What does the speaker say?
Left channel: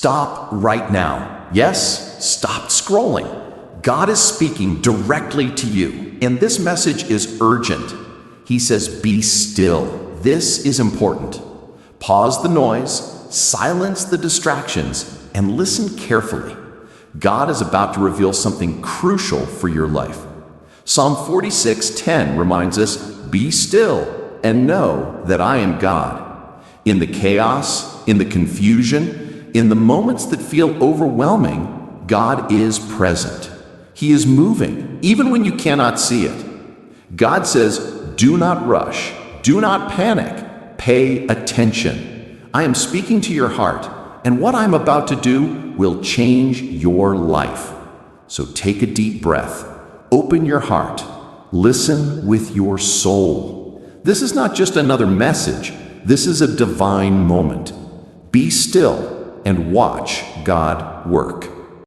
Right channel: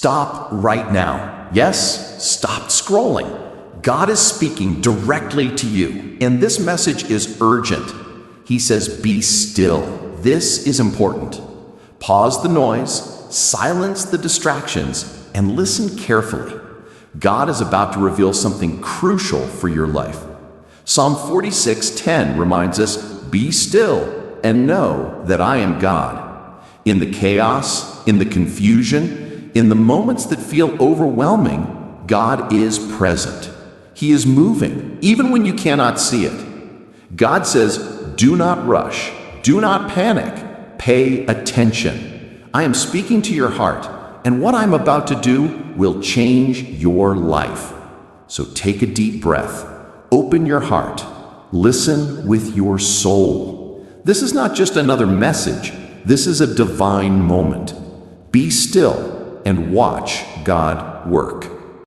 Stop right now. Yes, stop scrolling. God is speaking directly to you, and this message is urgent. He says, be still. This is important. Pause the noise, silence the distractions, and listen carefully. God is about to reveal something crucial for your life. Psalm 46:10 reminds us, be still and know that I am God. In the chaos, in the confusion, in the moments that feel overwhelming, God is present. He is moving, even when you cannot see it. God says, do not rush, do not panic, pay attention. I am speaking to your heart, and what I'm about to do will change your life. So take a deep breath, open your heart, listen with your soul. This is not just another message, this is a divine moment. Be still and watch God work.